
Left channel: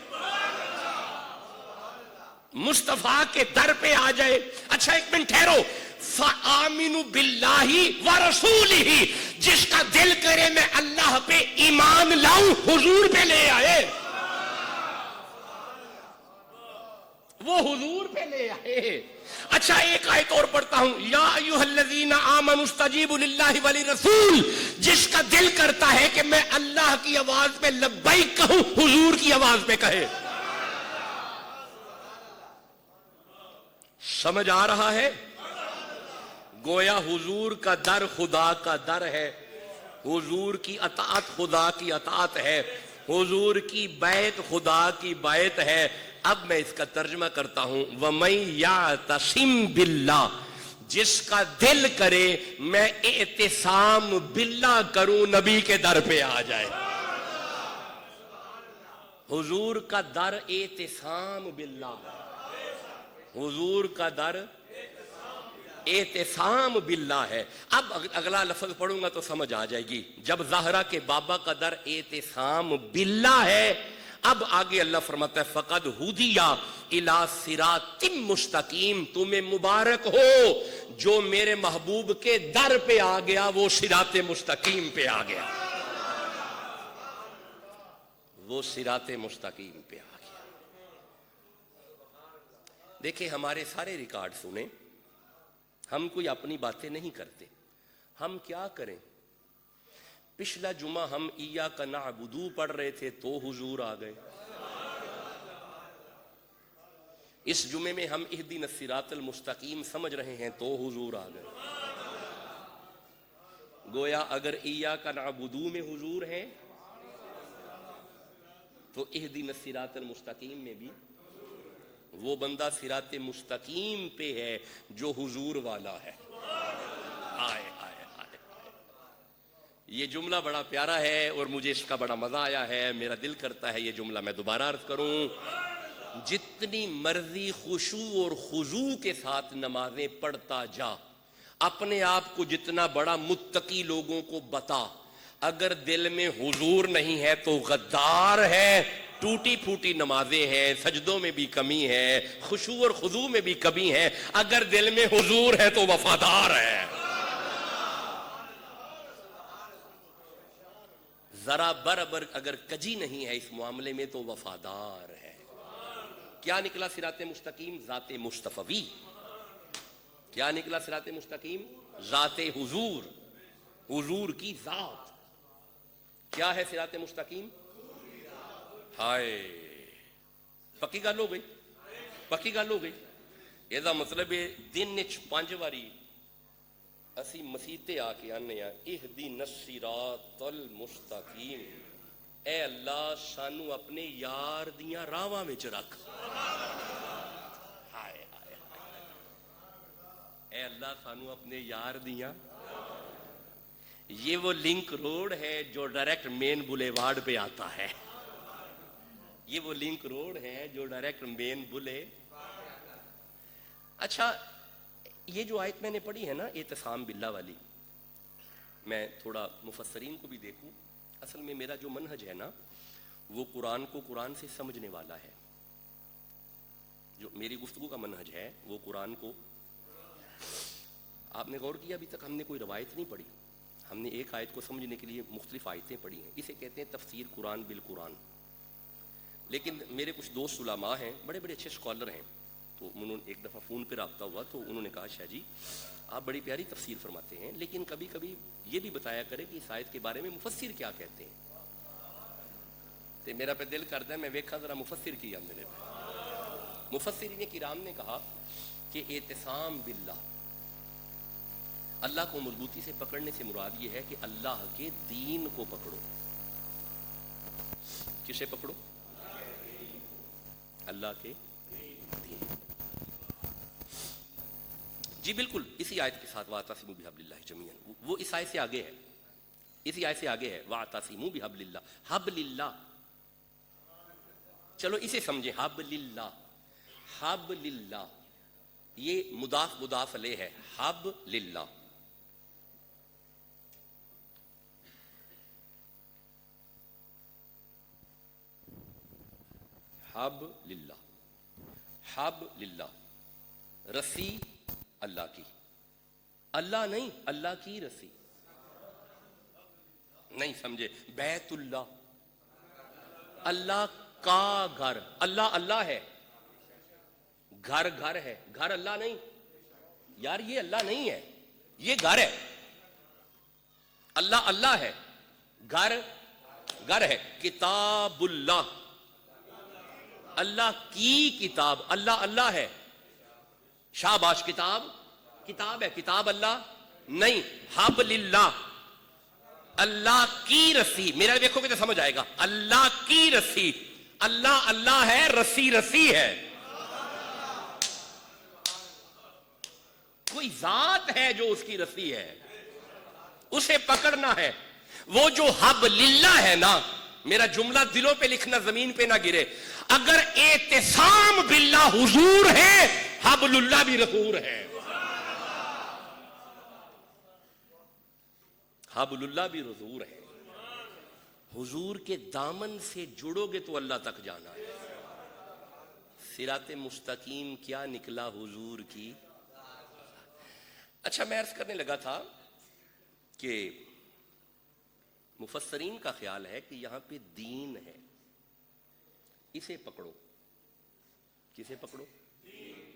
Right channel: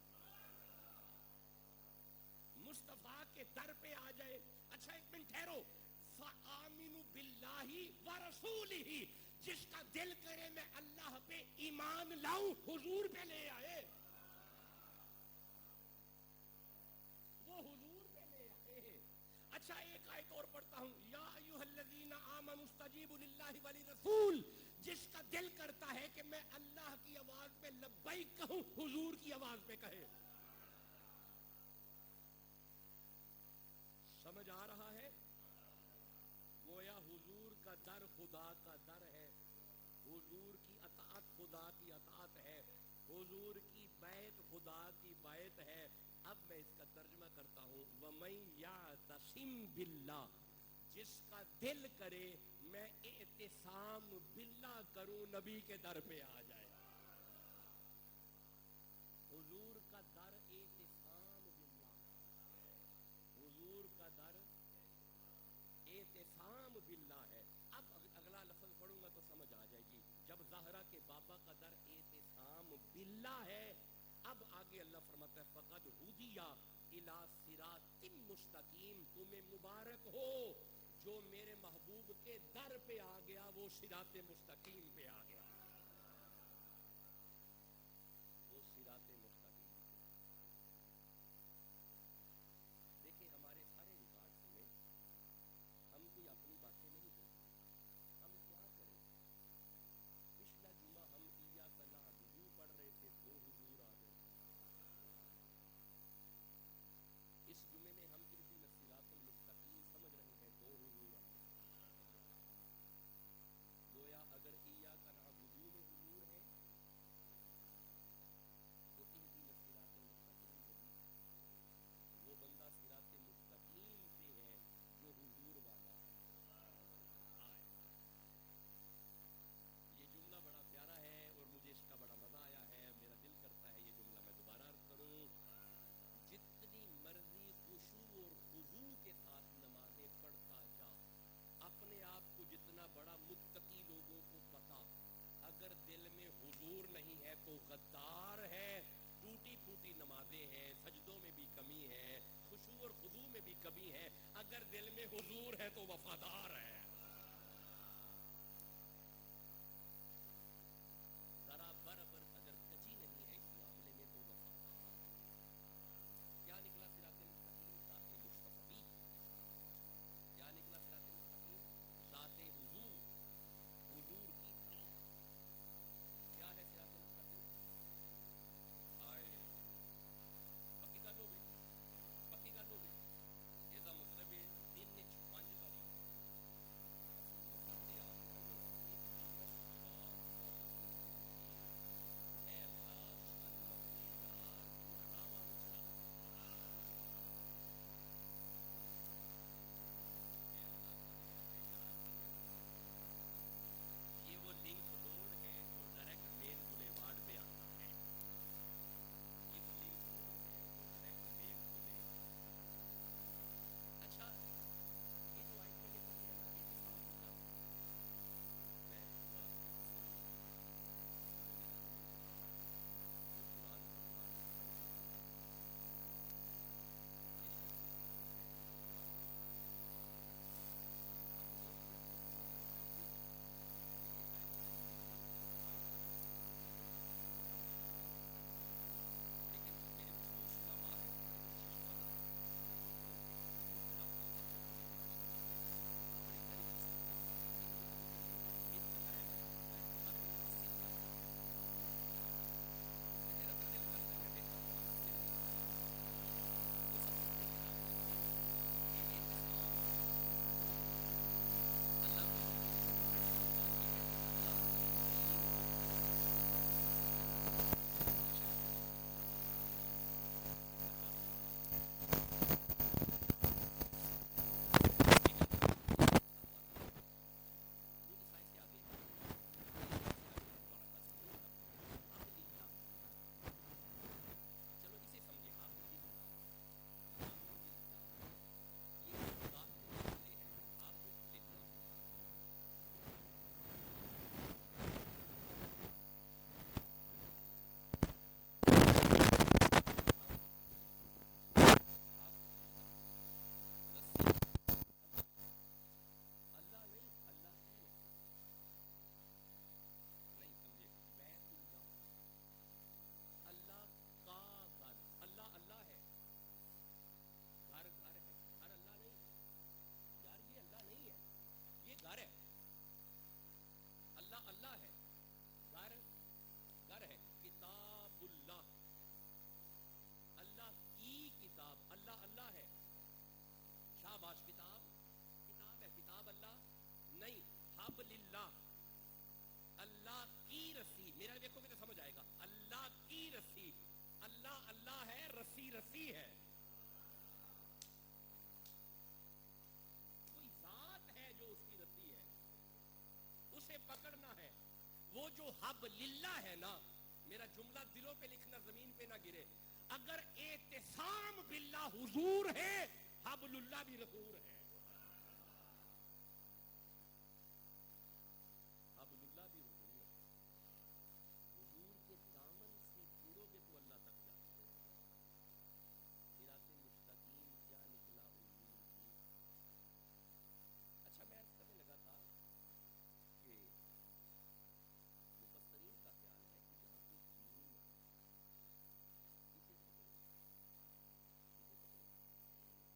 مصطفیٰ کے در پہ آ جائے. اچھا ایک منٹ ٹھہرو. فآمنوا باللہ ورسولہ. جس کا دل کرے میں اللہ پہ ایمان لاؤں حضور پہ لے آئے. وہ حضور پہ لے آئے. اچھا ایک آیت اور پڑھتا ہوں. یا ایھا الذین آمنوا استجیبوا للہ وللرسول. جس کا دل کرتا ہے کہ میں اللہ کی آواز پہ لبیک کہوں حضور کی آواز پہ کہے. سمجھ آ رہا ہے؟ گویا حضور کا در خدا کا در ہے. حضور کی اطاعت خدا کی اطاعت ہے. حضور کی بیعت خدا کی بیعت ہے. اب میں اس کا ترجمہ کرتا ہوں. وَمَن يَعْتَصِم بِاللَّهِ. جس کا دل کرے میں اعتصام باللہ کروں نبی کے در پہ آ جائے. حضور کا در اعتصام باللہ. حضور کا در اعتصام باللہ ہے. اب اگلا لفظ پڑھوں گا تو سمجھ آ جائے گی. جب زہرا کے بابا کا در اعتصام باللہ ہے, اب آگے اللہ فرماتا ہے فقد ہدی الی صراط مستقیم. تمہیں مبارک ہو جو میرے محبوب کے در پہ آ گیا, وہ صراط مستقیم پہ آ گیا. وہ صراط مستقیم پہ آ گیا. دیکھیں ہمارے سارے ریکارڈ سنیں، ہم کوئی اپنی باتیں نہیں کرتے، ہم کیا کریں؟ پچھلا جمعہ ہم ایاک نعبد پڑھ رہے تھے تو حضور آ گئے، اس جمعے میں ہم اہدنا الصراط المستقیم سمجھ رہے ہیں تو حضور آ گئے۔ گویا اگر ایاک نعبد میں حضور ہیں تو اہدنا الصراط المستقیم میں بھی وہ بندہ صراط مستقیم پہ ہے جو حضور والا ہے۔ آئے آئے آئے، یہ جملہ بڑا پیارا ہے اور مجھے اس کا بڑا مزہ آیا ہے، میرا دل کرتا ہے یہ جملہ میں دوبارہ عرض کروں۔ جتنی مرضی خشوع اور خضوع کے ساتھ نمازیں پڑھتا جا، اپنے آپ کو جتنا بڑا متقی لوگوں کو بتا، اگر دل میں حضور نہیں ہے تو غدار ہے، ٹوٹی پھوٹی نمازیں ہیں، سجدوں میں بھی کمی ہے، خشوع اور خضوع میں بھی کمی ہے، اگر دل میں حضور ہے تو وفادار ہے۔ ذرا برابر اگر کجی نہیں ہے اس معاملے میں تو وفادار ہے۔ کیا نکلا صراط مستقیم؟ ذات مصطفی۔ کیا نکلا صراط مستقیم؟ ذات حضور، حضور کی ذات۔ کیا ہے صراط مستقیم؟ ہائے، پکی گل ہو گئی، پکی گل ہو گئی۔ یہ مطلب ہے دن 5 واری اسی مسیتے آ کے آنے ہیں اہدنا الصراط المستقیم، اے اللہ سانو اپنے یار دیاں راواں وچ رکھ۔ ہائے ہائے ہائے، اے اللہ سانو اپنے یار دیاں۔ یہ وہ لنک روڈ ہے جو ڈائریکٹ مین بولیوارڈ پہ آتا ہے، یہ وہ لنک روڈ ہے جو ڈائریکٹ مین بولے۔ اچھا، یہ جو آیت میں نے پڑھی ہے نا اعتصام باللہ والی، میں تھوڑا مفسرین کو بھی دیکھوں، اصل میں میرا جو منہج ہے نا وہ قرآن کو قرآن سے سمجھنے والا ہے۔ جو میری گفتگو کا منہج ہے وہ قرآن کو، آپ نے غور کیا ابھی تک ہم نے کوئی روایت نہیں پڑھی، ہم نے ایک آیت کو سمجھنے کے لیے مختلف آیتیں پڑھی ہیں، اسے کہتے ہیں تفسیر قرآن بالقرآن۔ لیکن میرے کچھ دوست علماء ہیں، بڑے بڑے اچھے اسکالر ہیں، تو انہوں نے ایک دفعہ فون پہ رابطہ ہوا تو انہوں نے کہا شاہ جی آپ بڑی پیاری تفسیر فرماتے ہیں، لیکن کبھی کبھی یہ بھی بتایا کرے کہ اس آیت کے بارے میں مفسر کیا کہتے ہیں۔ تو میرا پہ دل کرتا ہے میں ویکھا ذرا مفسر کیا میرے مفسرین کرام نے کہا کہ اعتصام باللہ، اللہ کو مضبوطی سے پکڑنے سے مراد یہ ہے کہ اللہ کے دین کو پکڑو۔ کسے پکڑو؟ اللہ کے دین۔ جی بالکل اسی آیت کے ساتھ وَاعْتَصِمُوا بِحَبْلِ اللَّهِ جَمِيعًا، وہ اس آیت سے آگے ہے، اسی آیت سے آگے ہے وَاعْتَصِمُوا بِحَبْلِ اللَّهِ، حبل اللہ۔ چلو اسے سمجھیں، حبل اللہ، حبل اللہ یہ مضاف مضاف علیہ ہے، حبل اللہ۔ حب للہ، حب للہ، رسی اللہ کی، اللہ نہیں اللہ کی رسی، نہیں سمجھے؟ بیت اللہ، اللہ کا گھر، اللہ اللہ ہے، گھر گھر ہے، گھر اللہ نہیں یار، یہ اللہ نہیں ہے، یہ گھر ہے۔ اللہ اللہ ہے، گھر گھر ہے۔ کتاب اللہ، اللہ کی کتاب، اللہ اللہ ہے، شاباش، کتاب کتاب ہے، کتاب اللہ نہیں۔ حبل اللہ، اللہ کی رسی، میرا دیکھو گے تو سمجھ آئے گا، اللہ کی رسی، اللہ اللہ ہے، رسی رسی ہے، کوئی ذات ہے جو اس کی رسی ہے، اسے پکڑنا ہے۔ وہ جو حبل اللہ ہے نا، میرا جملہ دلوں پہ لکھنا زمین پہ نہ گرے، اگر اعتصام باللہ حضور ہے، حبل اللہ بھی رسول ہے، حبل اللہ بھی رسول ہے۔ حضور کے دامن سے جڑو گے تو اللہ تک جانا ہے۔ صراط مستقیم کیا نکلا؟ حضور کی۔ اچھا، میں عرض کرنے لگا تھا کہ مفسرین کا خیال ہے کہ یہاں پہ دین ہے، اسے پکڑو، کسے پکڑو؟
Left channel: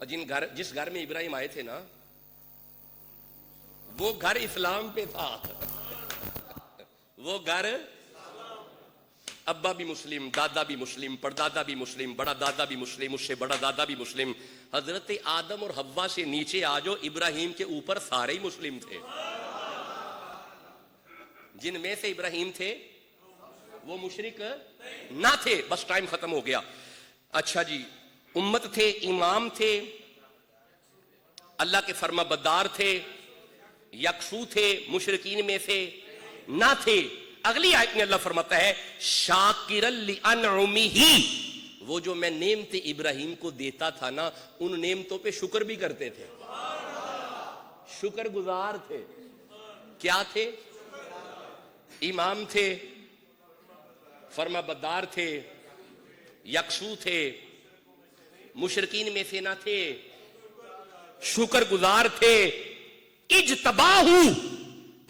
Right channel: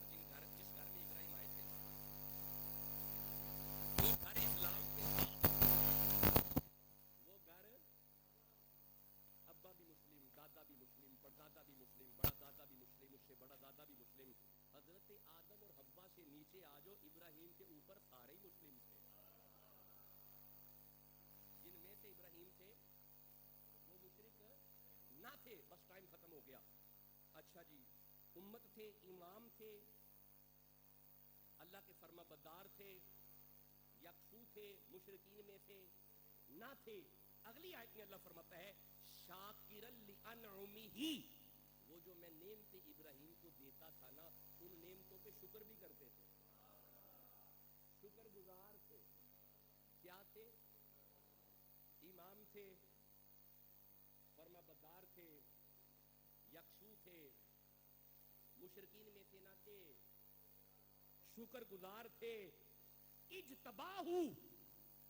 اور جس گھر میں ابراہیم آئے تھے نا وہ گھر اسلام پہ تھا. وہ گھر ابا بھی مسلم، دادا بھی مسلم، پردادا بھی مسلم، بڑا دادا بھی مسلم، اس سے بڑا دادا بھی مسلم. حضرت آدم اور حوا سے نیچے آ جو ابراہیم کے اوپر سارے ہی مسلم تھے. جن میں سے ابراہیم تھے وہ مشرک نہ تھے. بس ٹائم ختم ہو گیا. اچھا جی، امت تھے، امام تھے، اللہ کے فرما بردار تھے، یکسو تھے، مشرکین میں سے نہ تھے. اگلی آیت میں اللہ فرماتا ہے شاکرا لانعمہ، وہ جو میں نعمت ابراہیم کو دیتا تھا نا ان نعمتوں پہ شکر بھی کرتے تھے. شکر گزار تھے. کیا تھے؟ امام تھے، فرما بردار تھے، یکسو تھے، مشرکین میں سے نہ تھے، شکر گزار تھے. اجتباہ،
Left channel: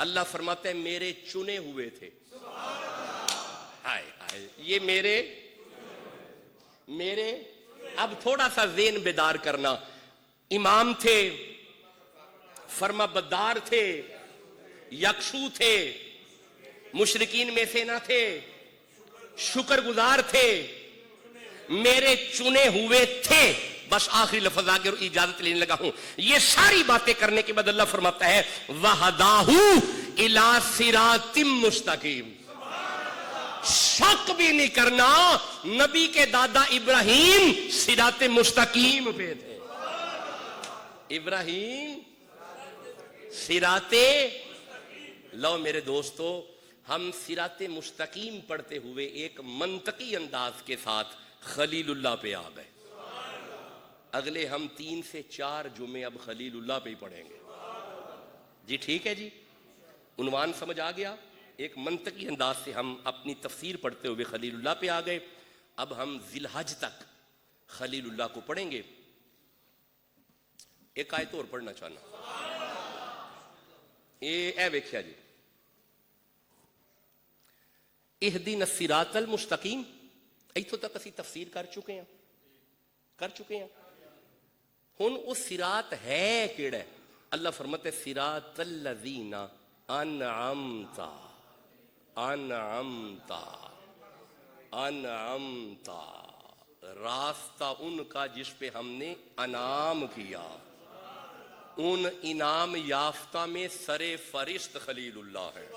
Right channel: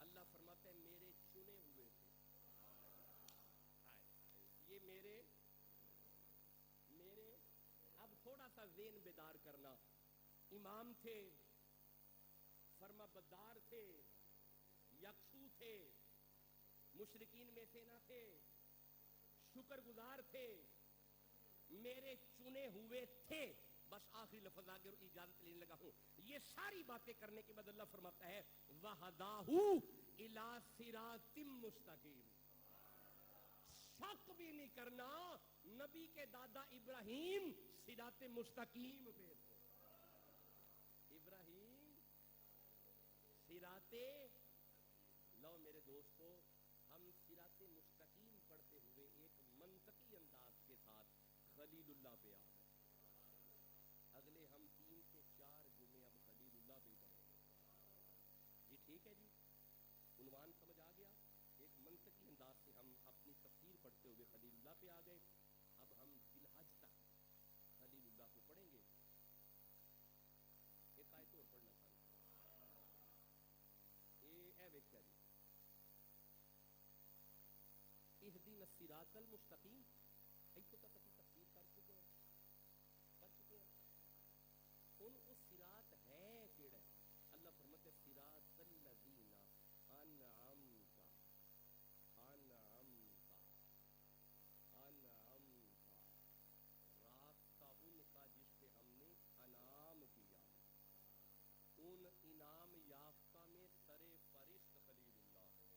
اللہ فرماتا ہے میرے چنے ہوئے تھے. ہائے ہائے، یہ میرے اب تھوڑا سا ذہن بیدار کرنا. امام تھے، فرما بردار تھے، یکسو تھے، مشرکین میں سے نہ تھے، شکر گزار تھے، میرے چنے ہوئے تھے. بس آخری لفظ آگے اور اجازت لینے لگا ہوں. یہ ساری باتیں کرنے کے بعد اللہ فرماتا ہے وَهَدَاهُ إِلَىٰ صِرَاطٍ مُسْتَقِيمٍ. شک بھی نہیں کرنا، نبی کے دادا ابراہیم صراط مستقیم پہ تھے. ابراہیم صراط. لو میرے دوستو، ہم صراط مستقیم پڑھتے ہوئے ایک منطقی انداز کے ساتھ خلیل اللہ پہ آ گئے. اگلے ہم 3 سے 4 جمعے اب خلیل اللہ پہ ہی پڑھیں گے. جی ٹھیک ہے جی، عنوان سمجھ آ گیا. ایک منطقی انداز سے ہم اپنی تفسیر پڑھتے ہوئے خلیل اللہ پہ آ گئے. اب ہم ذی الحج تک خلیل اللہ کو پڑھیں گے. ایک آیت اور پڑھنا چاہنا. اے ویکھیا جی، اہدنا الصراط المستقیم. ایتھوں تک اسی تفسیر کر چکے ہیں. ہن وہ صراط ہے کیڑا ہے؟ اللہ فرماتے صراط الذین انعمت. راستہ ان کا جس پہ ہم نے انعام کیا. ان انعام یافتہ میں سر فرست خلیل اللہ ہے.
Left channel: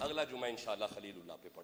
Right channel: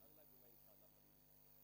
اگلا جمعہ انشاءاللہ خلیل اللہ پہ پڑھیں.